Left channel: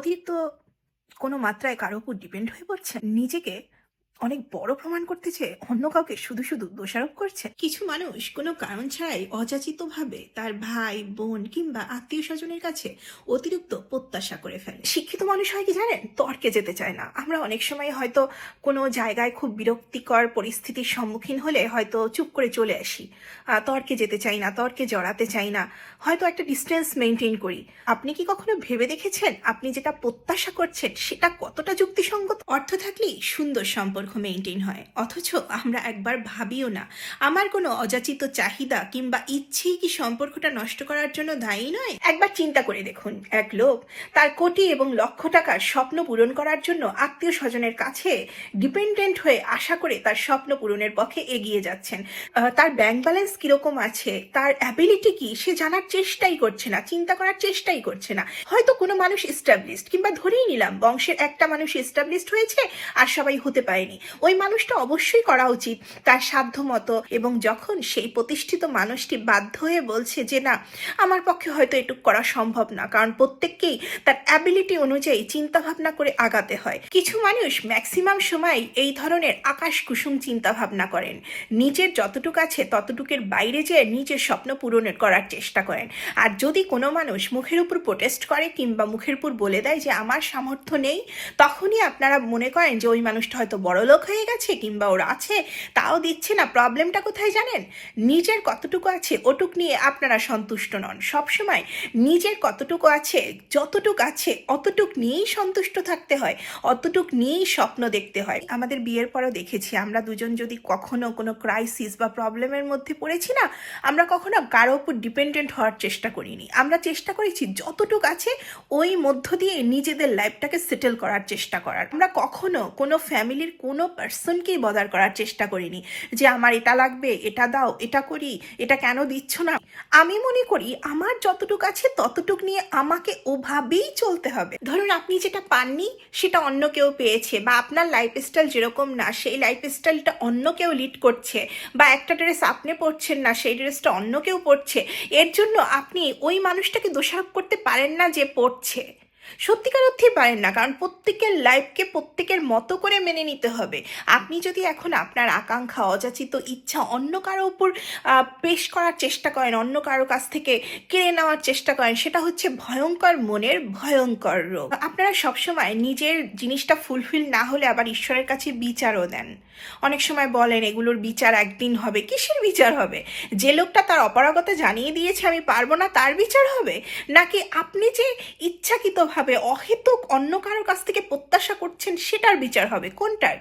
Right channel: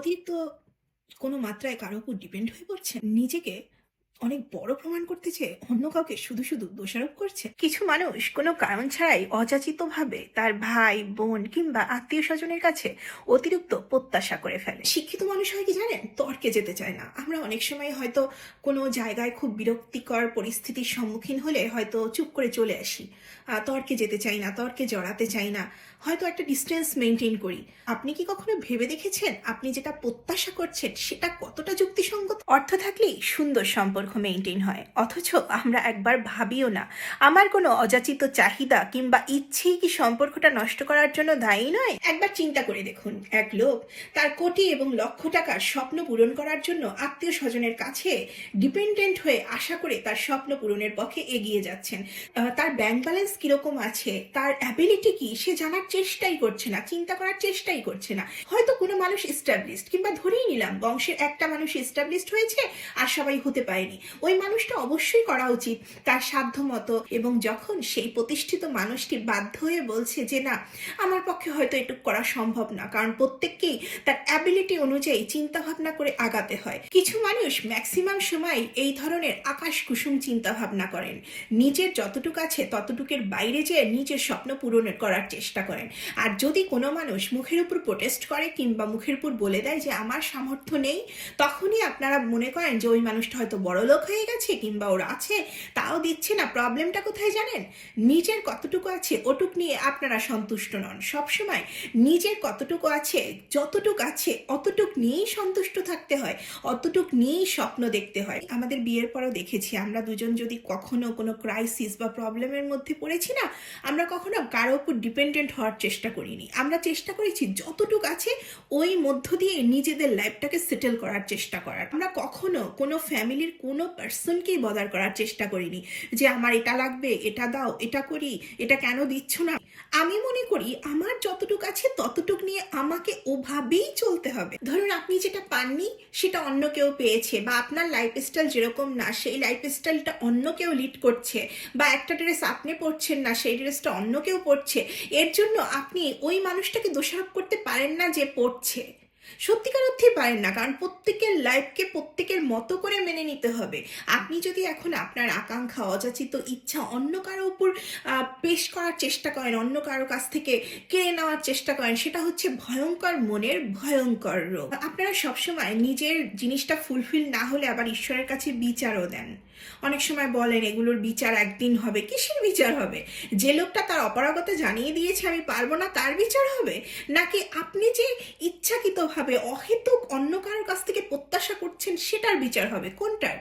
অতিরিক্ত কোনো মাত্রায় কারো উপর ডিপেন্ড হয়ে পড়ছেন। নিজেকে অনেক বড় প্রমাণ করতে চেয়ে অন্য কাউকে শুধু দোষারোপ করছে। কিছু মানুষ কোনো কারণ ছাড়াই অযাচিতভাবে তার ভাই, বোন কিংবা আত্মীয়-স্বজনের কাছে অতিরিক্ত প্রত্যাশা করে ফেলে। শিক্ষিত মানুষ হয় কি জানেন? তর্কে যেতে চায় না। আমরা অনেক সময় হয়তো কোনো জায়গায় খুব বিরক্তিকর পরিস্থিতির সম্মুখীন হলে হয়তো চুপ করে চলে আসি। তর্কে যেতে চাই না, তর্কে জড়াতে চাই না। হয়তো একটা ডিসট্যান্স মেইনটেইন করি। আপনি কি কখনো ভেবে দেখেছেন আপনি যেটা প্রত্যাশা করছেন সেটা কতটা যুক্তিসঙ্গত? অর্থ থাকলেই সুন্দর সম্পর্ক মেইনটেইন হয়, অথচ আমরা একবার ভাবিও না আমার কোনো অযাচিত চাহিদা কিংবা ইচ্ছেই কি সম্পর্কটা নষ্ট করার জন্য দায়ী নয়। একবার চিন্তা করে দেখুন, এক লোক তার কোটি এবং লক্ষ টাকার স্বপ্ন পূরণ করার জন্য আত্মীয় স্বজনের কাছে ডিপেন্ডেন্ট হয়ে আশা করে তার স্বপ্ন পূরণের পথে এগিয়ে যাচ্ছেন। তার ব্যাংক ব্যালেন্স কিরকম আছে, তার অ্যাবিলিটি কি, সে জানার চেষ্টাই করছে না, চিন্তা করার চেষ্টাই করছে না। হয়তো কোনো মানুষ এস্টাবলিশড, কিংবা ধরেই নিলাম বংশের একটা মানুষ এস্টাবলিশড হয়েছে আর সবাই হতে পারেনি। ওই মানুষটা অবশ্যই করা উচিত তার সাধ্য মতো। এবং যখন সেই প্রতিষ্ঠিত মানুষটি বাধ্য হয়ে বলছে যে না, আমার পক্ষে হয়তো এটুকু করা সম্ভব না, কারণ প্রত্যেককেই তার অ্যাবিলিটি অনুযায়ী চিন্তা ভাবনা করে আগাতে হয়। কিছু মানুষ ম্যাক্সিমাম সময় এই ধরনের আকাশ কুসুম চিন্তা ভাবনা করেন, নিজের যতটুকু আছে ততটুকের বাইরে যেয়ে নিজের স্বপ্ন পূরণের করার চেষ্টা করেন। আর যদি কোনো মানুষ মুখের উপর প্রোটেস্ট করে কিংবা মুখের উপর বলে দেয় যে আমার সামর্থ্য নেই, তখনই আপনারা মনে করেন যে ওই মানুষটা হয়তো বড়লোক হয়ে গেছে কিংবা ওর আছে তাও দিচ্ছে না। প্রবলেমটা কোথায় জানেন? নিজের কতটুকু আছে ওটুক নিয়ে আপনারা সন্তুষ্ট নন। সবসময় নিজের কতটুকু আছে, যতটুকু আছে অতটুক নিয়েই সন্তুষ্ট থাকতে হয়, অতটুক নিয়েই স্বপ্ন দেখতে হয়। আমাদের বিয়ের পরও দেখেছি আমরা দুজন যদি কখনো কোনো ক্রাইসিস বা প্রবলেমের মধ্যে পড়েছি না, আমরা কখনো কারো উপর ডিপেন্ডেন্ট হওয়ার চেষ্টা করিনি। আমরা চেষ্টা করেছি যতটুকু আছে ওই মধ্য দিয়ে নিজেদের লাইফটাকে সেটেল করার চেষ্টা করার। আমরা কখনো কোনো ফ্যামিলির কোনো পার্সনকেই বদার করার চেষ্টা করিনি যে আমার এটা লাগবে, এটা দাও, এটা করি, এটা কেন দিচ্ছ না। আমি মনে করি আমার যতটুকু আছে ততটুক নিয়ে আমাকে ওভাবেই চলতে হবে। ধরুন আপনি যেটা পাননি সেটা অন্য কেউ পেয়েছে, বা আপনার লাইফস্টাইল যেরকম না সেই লাইফস্টাইলটা অন্য কেউ লিড করছে, বা একটা ড্রেস আপনি পরছেন না সেই ড্রেসটা অন্য কেউ পরছে। এর জন্য আপনি ওই মানুষটাকে দোষারোপ করতে পারেন না যে পড়ছে। সত্যিকার অর্থেই পারেন না, কারণ প্রত্যেকের লাইফকে প্রত্যেকের মতো করে মেনে নিতে হবে। আপনি যদি এখন আপনার আকাঙ্ক্ষা, অযাচিত ইচ্ছা অন্য কারো উপর পেশ করার চেষ্টা করেন, অন্য কারো কাছ থেকে কেড়ে নেওয়ার চেষ্টা করেন, সেটা হচ্ছে ভয়ঙ্কর মনের ভয়ঙ্কর রোগ। আপনারা সবসময় নিজের জিনিসটা ফুলফিল না হলে আবার ঈশ্বরের কাছে বিচারও দেন। অনেক সময় বলেন এগুলোর বিচার একদিন হবে। কিসের বিচার হবে? যে লোকটা তার অপারগতা জানিয়ে দিয়েছে আমি পারবো না, তার বিচার হবে? নাকি আপনি যে ইচ্ছাকৃতভাবে অহেতুক অন্য কারোর কাছ থেকে প্রত্যাশা করছেন সেটার বিচার হবে? কোনটার?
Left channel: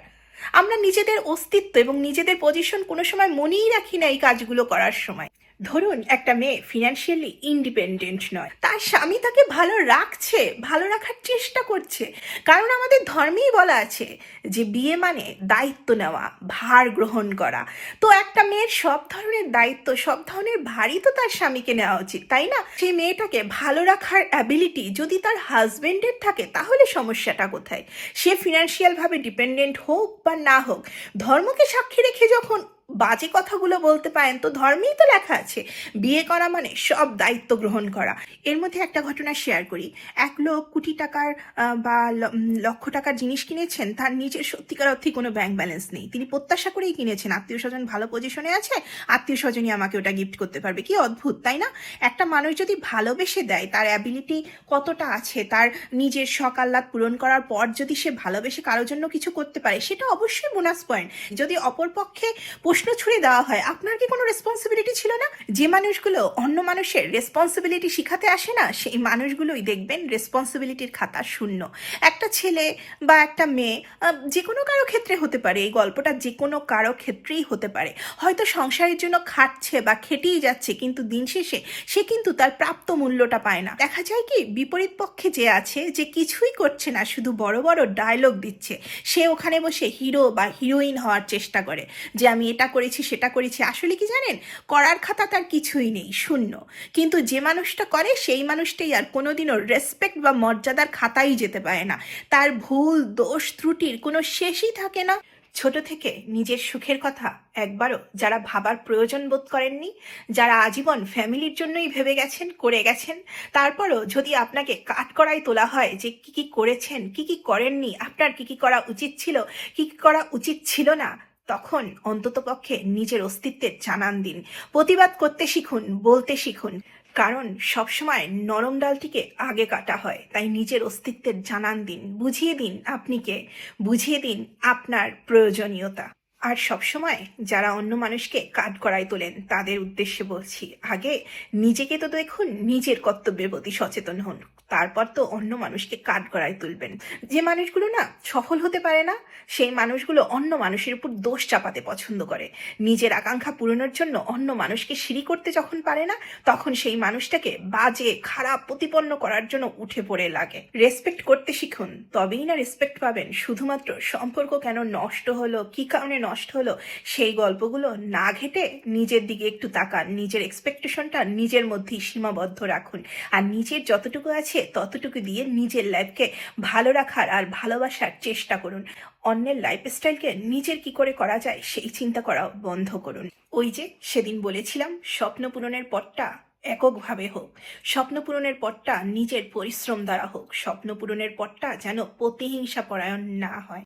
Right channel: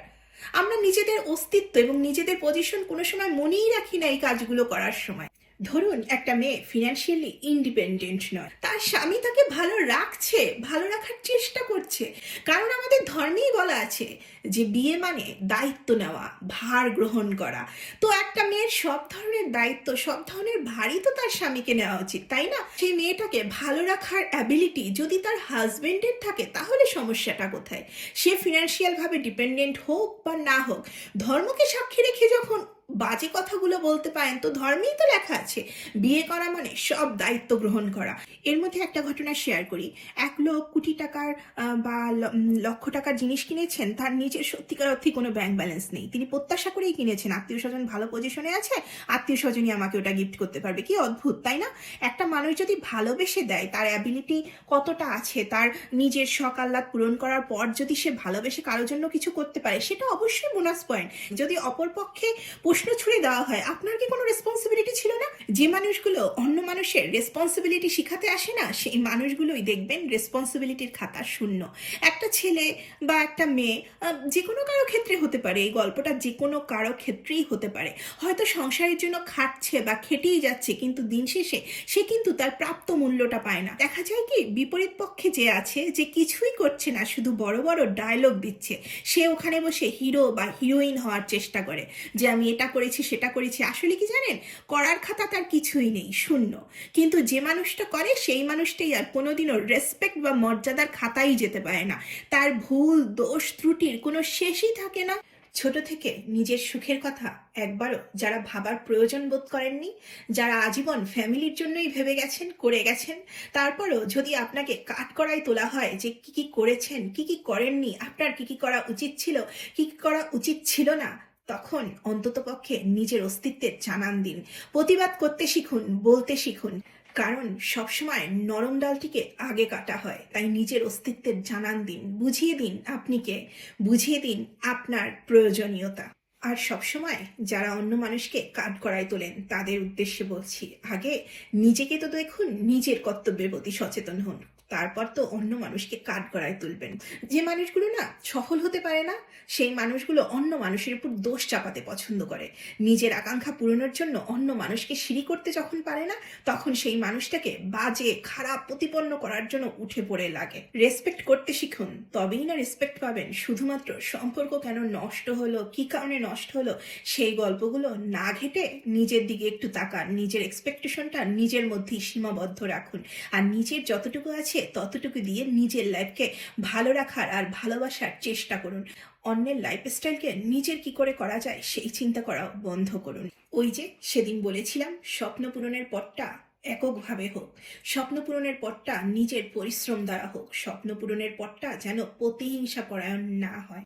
আমরা নিজেদের অস্তিত্ব এবং নিজেদের পজিশন কোনো সময় মনেই রাখি না এই কাজগুলো করার সময়। ধরুন একটা মেয়ে ফিনান্সিয়ালি ইন্ডিপেন্ডেন্ট নয়, তার স্বামী তাকে ভালো রাখছে, ভালো রাখার চেষ্টা করছে, কারণ আমাদের ধর্মেই বলা আছে যে বিয়ে মানে দায়িত্ব নেওয়া, ভার গ্রহণ করা। তো একটা মেয়ের সব ধরনের দায়িত্ব, সব ধরনের ভারই তো তার স্বামীকে নেওয়া উচিত, তাই না? সেই মেয়েটাকে ভালো রাখার অ্যাবিলিটি যদি তার হাজবেন্ডের থাকে তাহলে সমস্যাটা কোথায়? সে ফিনান্সিয়াল ভাবে ডিপেন্ডেন্ট হোক বা না হোক, ধর্মকে সাক্ষী রেখে যখন বাজে কথাগুলো বলতে পারেন, তো ধর্মেই তো লেখা আছে বিয়ে করা মানে সব দায়িত্ব গ্রহণ করা। এর মধ্যে একটা ঘটনা শেয়ার করি। এক লোক কোটি টাকার বা লক্ষ টাকার জিনিস কিনেছেন, তার নিজের সত্যিকার অর্থে কোনো ব্যাংক ব্যালেন্স নেই। তিনি প্রত্যাশা করেই কিনেছেন আত্মীয় স্বজন ভালো পজিশনে আছে, আত্মীয় স্বজনই আমাকে ওটা গিফট করতে পারবে। কি অদ্ভুত, তাই না? একটা মানুষ যদি ভালোবেসে দেয়, তার অ্যাবিলিটি কতটা আছে, তার নিজের শখ আহ্লাদ পূরণ করার পর যদি সে ভালোবেসে কারোর জন্য কিছু করতে পারে, সেটা অবশ্যই বোনাস পয়েন্ট। যদি অপরপক্ষে প্রশ্ন ছুড়ে দেওয়া হয় আপনার কি কোনো রেসপন্সিবিলিটি ছিল না? যে মানুষগুলো অন্য মানুষের রেসপন্সিবিলিটি শিখাতে আসে না, সেই মানুষগুলোই দেখবেন রেসপন্সিবিলিটির খাতা শূন্য। একটা ছেলে বা একটা মেয়ে, যে কোনো কারো ক্ষেত্রে হতে পারে, এই গল্পটা যে কোনো কারো ক্ষেত্রেই হতে পারে, হয়তো সংসারের জন্য খাটছে বা খেটেই যাচ্ছে, কিন্তু দিন শেষে সে কিন্তু তার প্রাপ্ত মূল্যটা পায় না। দেখা যায় কি বিপরীত পক্ষে যে আছে, যে কিছুই করছে না, শুধু বড় বড় ডায়লগ দিচ্ছে, সে ওখানে বসে হিরো বা হিরোইন হওয়ার চেষ্টা করে যে আমি এটা করেছি সেটা করেছি। আসলে কি জানেন, করার খাতা তার কিছুই নেই, শূন্য। কিন্তু যে মানুষটা করে সেই মানুষটাই আর কোনোদিনও রেসপেক্ট বা মর্যাদার খাতাই যেতে পারে না। তার ভুল, দোষ, ত্রুটির কোনো শেষই থাকে না। ছোট থেকে নিজের সুখের কথা একবারও যারা ভাবার প্রয়োজন বোধ করেননি, যারা আজীবন ফ্যামিলির জন্যই ভেবে গেছেন, করে গেছেন, তারপরও যদি আপনাকে কাঠগড়ায় তোলা হয় যে কি, কি করেছেন, কি, কি করেননি, আপনার কি, কি করা উচিত ছিল, কি, কি করা উচিত ছিল না, তখন অন্ততপক্ষে নিজের অস্তিত্বের জানান দিন। প্রতিবাদ করতে শিখুন, বলতে শিখুন। কারণ সবসময় নরম ডালটিকে আগে কাটা হয়। তাই নিজের অস্তিত্বের জানান দিন, বুঝিয়ে দিন আপনি কে, বুঝিয়ে দিন আপনার প্রয়োজনীয়তা। আর সবসময় যারা অন্য মানুষকে কাঠগড়ায় তোলেন তাদের উদ্দেশ্যে বলছি, আগে নিজেকে তো দেখুন, নিজের কর্তব্যের প্রতি সচেতন হন। তারপর তো অন্য মানুষকে কাঠগড়ায় তুলবেন। যে মানুষগুলো না সফল হতে পারে না, সেই মানুষগুলো অন্য মানুষের উপর দোষ চাপাতে পছন্দ করে। নিজের আকাঙ্ক্ষা পূরণের জন্য অন্য মানুষকে সিঁড়ি করতে যখন পারে না, তখন সেই মানুষটাকে বাজে, খারাপ প্রতিপন্ন করার জন্য উঠে পড়ে লাগে। রেসপেক্ট করতে শিখুন, তবেই না রেসপেক্ট পাবেন। শুধুমাত্র সম্পর্ক কেন নষ্ট হলো, কি কারণে নষ্ট হলো, সেই গল্পগুলো না ঘেঁটে নিজের দিকে একটু তাকান। নিজের এক্সপেকটেশনটা নিজের মধ্যেই সীমাবদ্ধ রাখুন। আর নিজের যতটুকু আছে ততটুকু দিয়ে নিজের লাইফকে ভালো রাখার আর ভালোবাসার চেষ্টা করুন। অন্যের লাইফস্টাইলকে নিজের কি করে করা যায় সেই চিন্তা করা বন্ধ করুন। ওই যে সেদিন বলেছিলাম, স্বপ্ন পূরণের পথটা এককভাবে হোক, স্বপ্ন পূরণের পথটা নিজের পরিশ্রম দ্বারা হোক, স্বপ্ন পূরণের পথটা যেন প্রতিহিংসা পরায়ণ না হয়।